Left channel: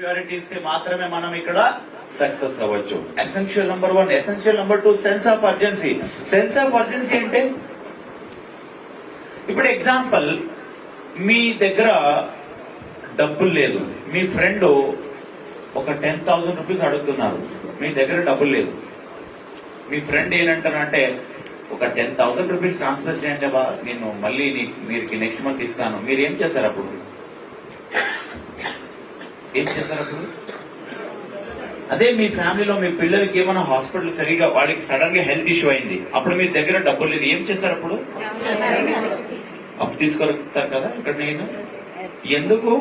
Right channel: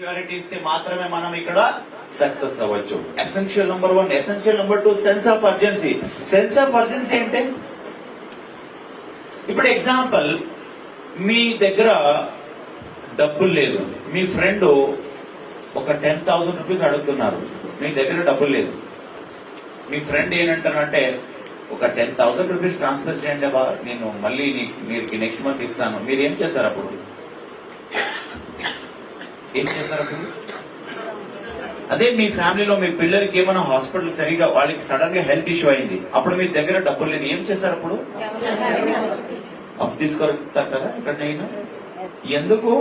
Priority ఇస్తే మాత్రమే మనం ఇక్కడ సక్సెస్ అవ్వచ్చు. Essential number 1. Essential number 2 sense of urgency. Sense of urgency అంటే ఇప్పుడు ఎగ్జాంపుల్, మీ దగ్గర డబ్బులు లేదు, మీ ఫ్రెండ్ ఒక 10,000 రూపీస్ అడుగుతున్నారు, మీ దగ్గర డబ్బులు లేదు. మీ ఫ్రెండ్ ఏంటంటారంటే ఒక 10,000 రూపీస్ ట్రాన్స్ఫర్ చేయండి బా, నేను మళ్ళీ మీరు నెక్స్ట్ మంత్ ఇస్తాను. మీరు ఏం చేస్తారు అప్పుడు? ఏం చేస్తారు అప్పుడు? అదే మీ ఫ్యామిలీలో మీ పిల్లలకి ఏమైనా హాస్పిటల్ సరిగా వాళ్ళకి సడన్ గా హెల్త్ ఇష్యూ అయింది, అప్పుడు మీ దగ్గర డబ్బులు లేదు, ఏం చేస్తారు అప్పుడు? అప్పు తీసుకోగలుగుతారు కదా ఎక్కడైనా. ఎందుకు?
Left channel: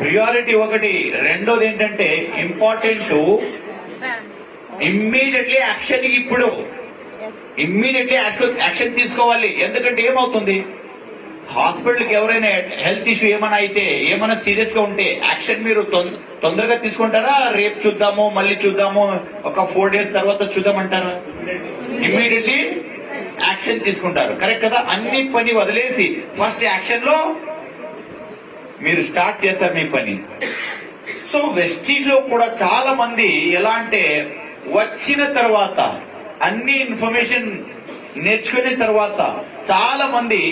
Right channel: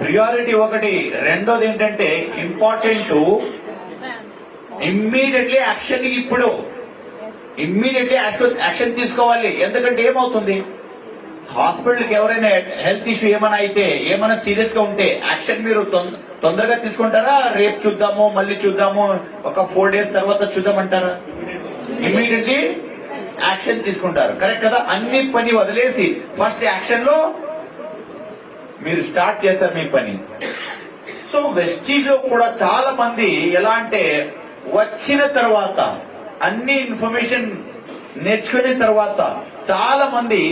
ప్రియారిటీ ఒకటి. రెండోది ఏంటంటే ఇంపార్టెంట్, ఇమ్మీడియట్లీ యాక్షన్. ఇప్పుడు ఇమ్మీడియట్లీ యాక్షన్ తీసుకోవాలి. ఎందుకంటే ఏమవుతుంది, హాస్పిటల్కి ఎవరైనా హెల్త్ ఇష్యూ ఏమైనా అయితే, ఏమైనా సీరియస్ గా ఉంటే యాక్షన్ మీరు తొందరగా తీసుకుంటారా? రేపు చూద్దాము, మళ్ళీ చూద్దాము, ఒక 4 days తర్వాత చూద్దామంటారా? ఇమ్మీడియట్లీ యాక్షన్ తీసుకుంటారు. కరెక్ట్ కదా? అన్ని పని వదిలేసి ఫస్ట్ యాక్షన్ లో మీరు స్టార్ట్ చేస్తారు మీ పని. సో వెస్టీజ్ లో కూడా చాలా మంది ఎలా అంటే, వచ్చిన తర్వాత అన్ని ఇన్ఫర్మేషన్ నేర్చుకున్న తర్వాత చాలా మంది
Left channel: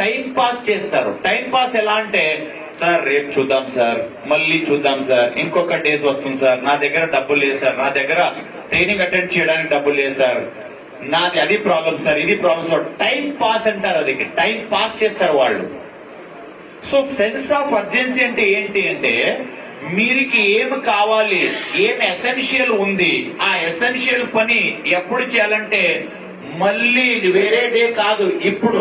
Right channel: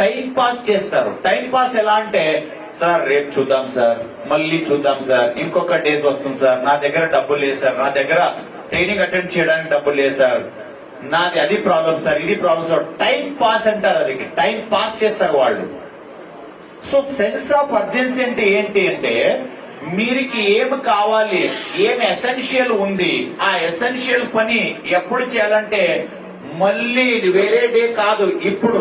టైం పాస్ చేస్తారు. టైం పాస్ ఎలా అంటే, సార్ రేపు చూద్దాం సార్, మళ్ళీ చూద్దాం సార్, ఇంకొక డేస్ వస్తుంది సార్, నా దగ్గర డబ్బులు లేదు సార్, నా దగ్గర ట్రైనింగ్ అటెండ్ చేయడానికి డబ్బులు లేదు సార్, నాది అది ప్రాబ్లం సార్, ఇది ప్రాబ్లం సార్. టైం పాస్ అంటారు, అది టైం పాస్ చేస్తారు వాళ్ళు. సో సెన్స్ ఆఫ్ అర్జెన్సీ అంటే ఏంటి అంటే, మీరికి ఏమి కావాలి, ఏమి ఎసెన్షియల్ ఉంది, ఆ ఎసెన్షియల్ పని ఎప్పుడు చేయాలంటే మళ్ళీ వేరే డే కాదు, ఇప్పుడు.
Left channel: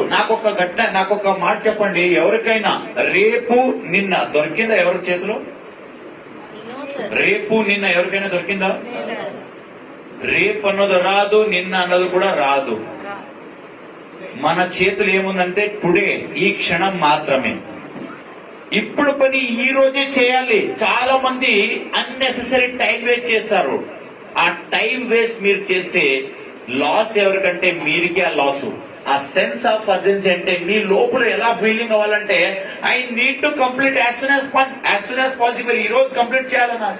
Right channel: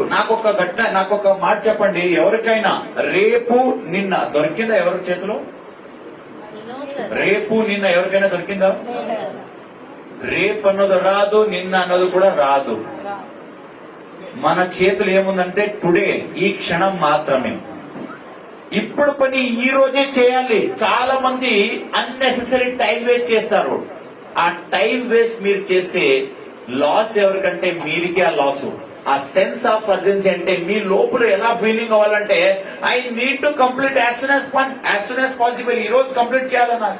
నాకొక మాట చెప్పండి, ఎవరికైనా రేపు నిన్న దొరికిందా ఎవరి చేతిలో? రేపు నిన్న ఎవరికైనా దొరికిందా? రేపు అన్నది రాదు, నిన్న అన్నది కూడా రాదు. మన చేతులు ఏముందంటే టుడే, ఈ క్షణం మాత్రమే. ఇప్పుడు పని ఈ రోజే చేయాలి. చాలా మంది అన్నెసెసరీ టైం వేస్ట్ చేస్తారు. ఆ టైం వేస్ట్ మీరు చేస్తే లాస్ ఎవరికంటే మీరికే ఆ లాస్. ఆ సెన్స్ ఆఫ్ అర్జెన్సీ అంటే మీ లోపల ఎలా ఫీలింగ్ అవ్వాలంటే, I need to complete as soon as possible. ఈ రోజు కంప్లీట్ చేయాలన్నా,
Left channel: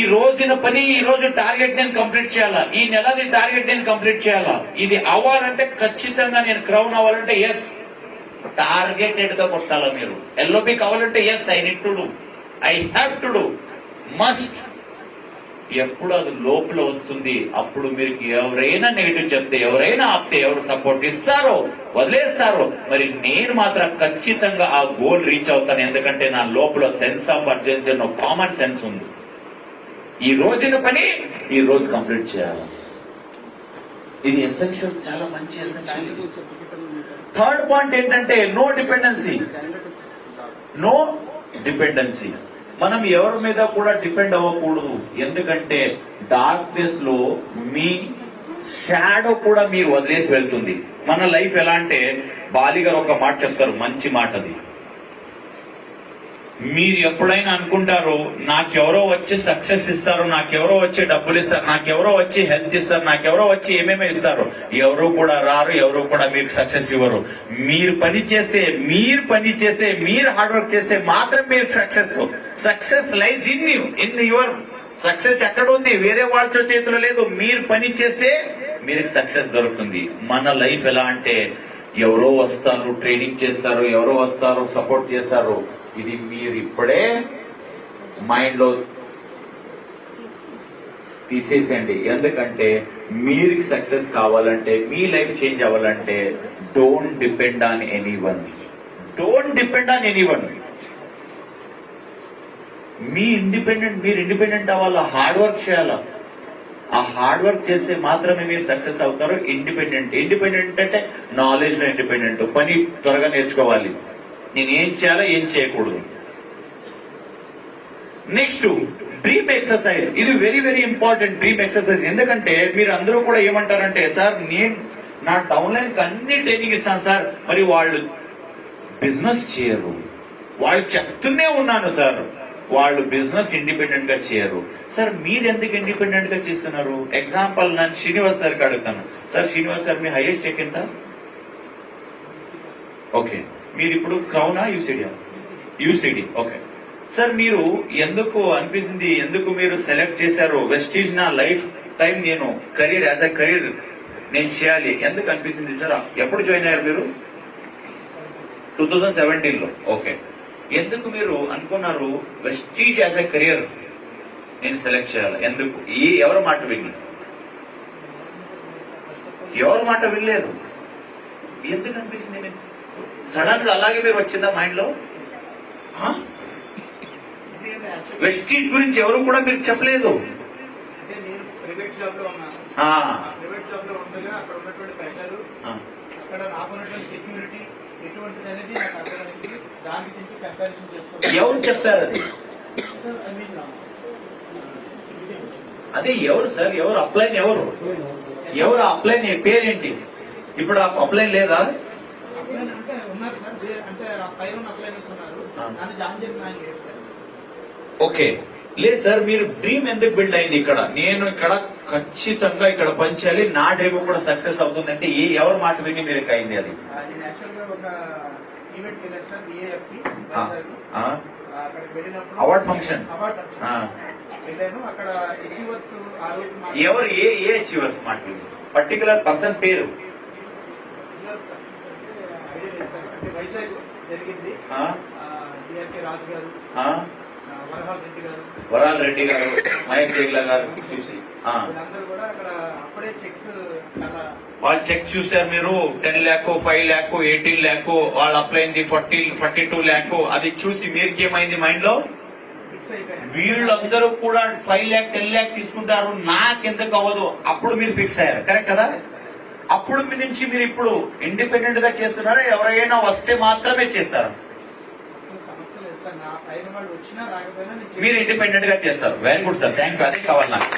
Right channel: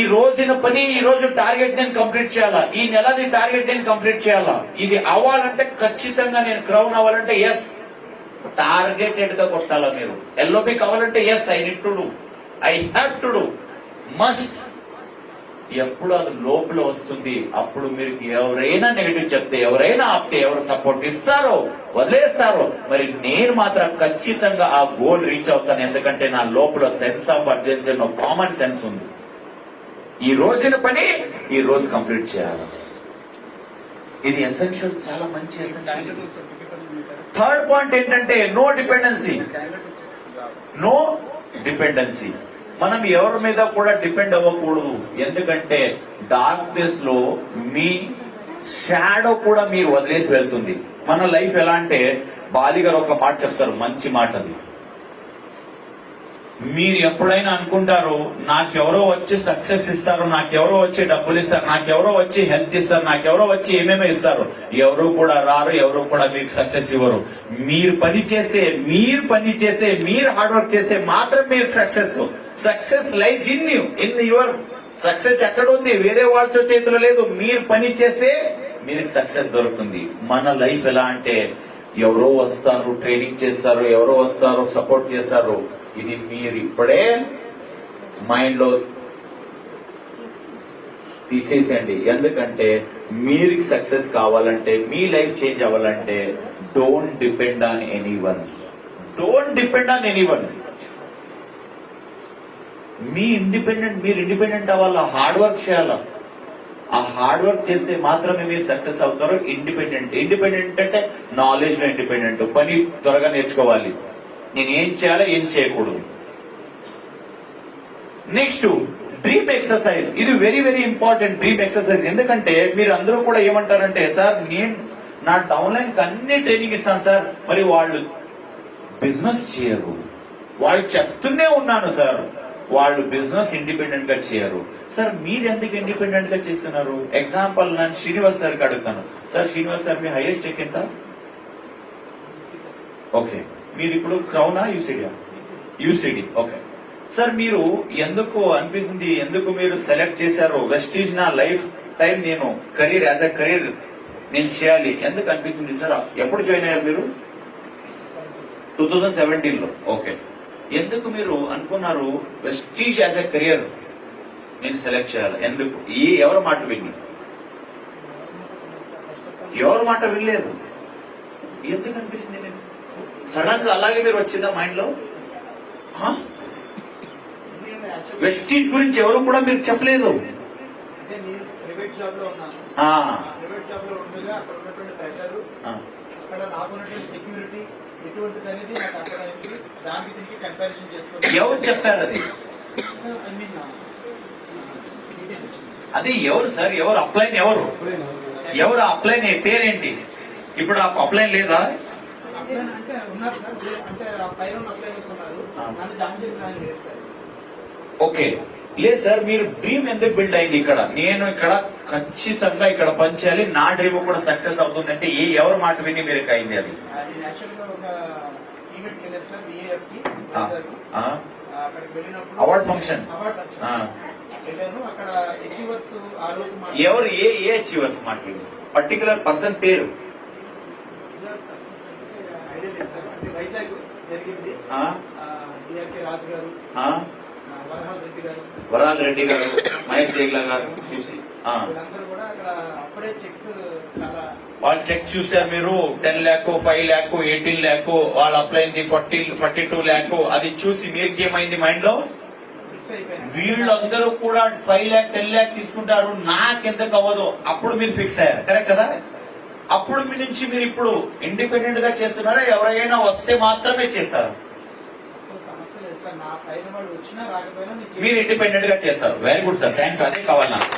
ఈ రోజున పని, ఈ రోజు టార్గెట్ నేను కంప్లీట్ చేయాలా, ఈ నెలది టార్గెట్ నేను కంప్లీట్ చేయాలా. ఇది అవ్వాలంటే ఖచ్చితంగా నేను క్రౌన్ అవ్వాలంటే ఎస్, టార్గెట్ ఎటుగా కొట్టాలా. మీరు ఎల్ఓపి కావాలంటే yes, I need to do, I have to do, must. ఎప్పుడు అది లోపల వస్తుంది, అప్పుడు మీరు ఎవరైనా నెగిటివ్ చెప్తే, ఎవరైనా ఆపితే, ఎవరు సపోర్ట్ ఇస్తారో వదిలేస్తారో, మరి నేను మాత్రం ఖచ్చితంగా ఆ గోల్ రీచ్ అవుతాను. ఎందుకంటే నా లోపల sense of urgency, common sense ఉంది. ఈ రోజున పని ఈ రోజు కంప్లీట్ చేయాలి. ఇది ఎసెన్షియల్, చాలా మంచి ఎసెన్షియల్ ఇది. థర్డ్ పాయింట్ ఏంటంటే నో డిపెండెన్సీ. No dependency. మనం ఎవరి మీద కూడా డిపెండ్ అవ్వకూడదు. ఎందుకంటే డార్క్నెస్ లో మీ షాడో కూడా మీరు వదిలేసి వెళ్తుంది. మన లైఫ్ ఎలా అంటే, బాలి గారు ఒక మాట చెప్తారు, మంచి మాట అది. మీరు ఎప్పుడైనా అనుకుంటారు, నాకెవరో వచ్చి సక్సెస్ ఇస్తారు, నాకెవరో వచ్చి డబ్బులు ఇస్తారు, నాకెవరో వచ్చి హెల్త్ ఇస్తారు, నాకెవరో వచ్చి ఏమేమో ఇస్తారు. ఎవరు కూడా రారు, ఎవరు కూడా మీకు సక్సెస్ ఇవ్వరు. మీరు పని చేసే, మీరు హార్డ్ వర్క్ చేసే మాత్రం మీరు success. Success lies in you, in your. Success ఎక్కడ ఉంది? వేరే వాళ్ళ చేతిలో లేదు. మీరు పని చేస్తే మీరు సక్సెస్ దొరుకుతుంది. మన లైఫ్ ఎలా అంటే, ఎవరో వస్తారు, ట్రైనింగ్ చేస్తారు, ఎవరో వస్తారు, సపోర్ట్ చేస్తారు. ఇది మీరు ఇప్పుడే మైండ్ లో తీసేసేయండి. ఎందుకంటే మీరు సక్సెస్ కావాలంటే, మీ లైఫ్ చేంజ్ అవ్వాలంటే, don't depend on anyone. Don't depend on anyone. మీరు ఇండిపెండెంట్ అవ్వాలా, హార్డ్ వర్క్ చేయాలా. ఆ హార్డ్ వర్క్ చేస్తే మాత్రమే మీరు సక్సెస్ అవుతారు. ఇండిపెండెంట్ అంటే నాలెడ్జ్ లో ఇండిపెండెంట్. పని త్వరగా నేర్చుకోవాలి, నేను ఏం చేయాలో ఏం చేయకూడదు. Next dream exercise. ఇది very very important, dream exercise. ఎందుకంటే మీరు అందరూ కూడా ఏమంటారంటే, సార్ నేను నా డౌన్లైన్ కి అన్ని ట్రైనింగ్ ఇస్తాను సార్, మరి వాళ్ళు బిజినెస్ చేయరు. వాళ్ళు చెప్తూనే ఉన్నాను సార్, వాళ్ళు బిజినెస్ ఇండిపెండెంట్ గా చేయరు. సార్ మీరు ఎందుకు ఇండిపెండెంట్ గా చేస్తున్నారు? ఎగ్జాంపుల్ నేను శ్రీనివాస్ సార్కి అడుగుతాను, సార్ శ్రీనివాస్ సార్ మీ హైయెస్ట్ చెక్ ఎంత? ఓకే, మీరు ఇప్పుడు క్రౌనా యూసిడియా? యూసిడి. ఓకే సార్, మీరు ఎందుకు అనిపిస్తుంది, ఎందుకు మీరు సెలెక్ట్ చేశారు వెస్టీజ్ నా లైఫ్ టైం నేను కెరీర్ యాజ్ ఎ కెరీర్ నేను చేయాలి ఎందుకు అనిపిస్తుంది సార్? ఎప్పుడు జాయిన్ అయ్యారు మీరు? 2017 లో. ఓకే, ఎందుకు మీరు అనుకున్నారు వెస్టీజ్ యాజ్ ఎ కెరియర్ నేను సెలెక్ట్ చేయాలి? ఎందుకు? ఎవరి మాట విని? ఎవరి మాట వినలేదు. ఎందుకు అనిపిస్తుంది మీకు సడన్ గా అలాగే మీరు వచ్చిందా మైండ్ లో? వెస్టీజ్ గురించి ఎవరు కూడా మీరు చెప్పలేదు. ప్రైవేట్ జాబ్ లో ఉన్నాను. ప్రైవేట్ జాబ్ లో ఉండగా అక్కడ ఉన్నటువంటి బెటర్ అక్కడ రాబోన్నటువంటి సెక్యూరిటీ ఎటువంటిది అనేది నాకు అర్థమైంది. దానికి దీనికి కంపారిజన్ చేసుకోవాలి. ఎవరు చెప్తారు అది? అదే ఎవరు సార్? ఎవరు అప్లైన్? ఎవరు అప్లైన్ పేరేంటి? ఇప్పుడు ఆ అప్లైన్ లేదా? అప్లైన్ అంటే ఉన్నారు సార్, అంటే పైన అప్లై చేసుకున్నారు. నన్ను జాయిన్ చేసిన ఆయన లేదు సార్. ఓకే, లేదు సార్, మీరు డ్రీమ్ ఎందుకు బిల్డ్ అయింది ఇక్కడ? నేను ఇక్కడ ఖచ్చితంగా ఇక్కడ పనిచేయాలి, నా డ్రీమ్ కూడా సక్సెస్ అవుతుంది అంటే ఎవరి మాట విని మీరు అయింది అది? నేను యాక్చువల్ గా ఒక ఈవెంట్ వెళ్ళాను సార్, BAFP అక్కడికి వెళ్ళినప్పుడు అవార్డ్ ఫంక్షన్ వెళ్ళాను. అక్కడ అచీవర్స్ ఆ రోజు ఎవరు ఏ అచీవర్స్ మాట్లాడు? పర్టికులర్ పర్సన్ పేరు ఐడియా లేదు సార్. అంటే వైజాగ్ జరిగింది. DRK రాజు గారు, వరాల్ రెడ్డి గారు, మహేష్ దేగిలా గారు చూసి వీళ్ళందరూ కూడా అక్కడ అప్పుడే చెక్స్ చాలా వాళ్ళు చెక్ చూసారు. మీరు 10 lakh, 5 lakh, 18 lakh, వాళ్ళు అప్లై అయింది 42 lakh. అది చూసి మీకు ఏమైంది మైండ్ లో? ఫిక్స్ అయిపోయాను. వీళ్ళందరూ కూడా 5 lakh, 10 lakh తీసుకుంటారు, నాకెందుకు అవ్వదు? అప్పుడు మీరు ఫిక్స్ అయ్యారు, కరెక్ట్ కదా? అప్పుడు మీ నుంచి మీరు ఇప్పుడు ఇండిపెండెంట్ గా చేస్తున్నారా? ఎవరైనా వస్తే మాత్రమే చేస్తారు? సమస్య లేదు సార్, నా పైన వాళ్ళు వచ్చినా రాకపోయినా మీరు ఇండిపెండెంట్ గా చేస్తారు. Very good sir, thank you. అదే కావాలి నాకు.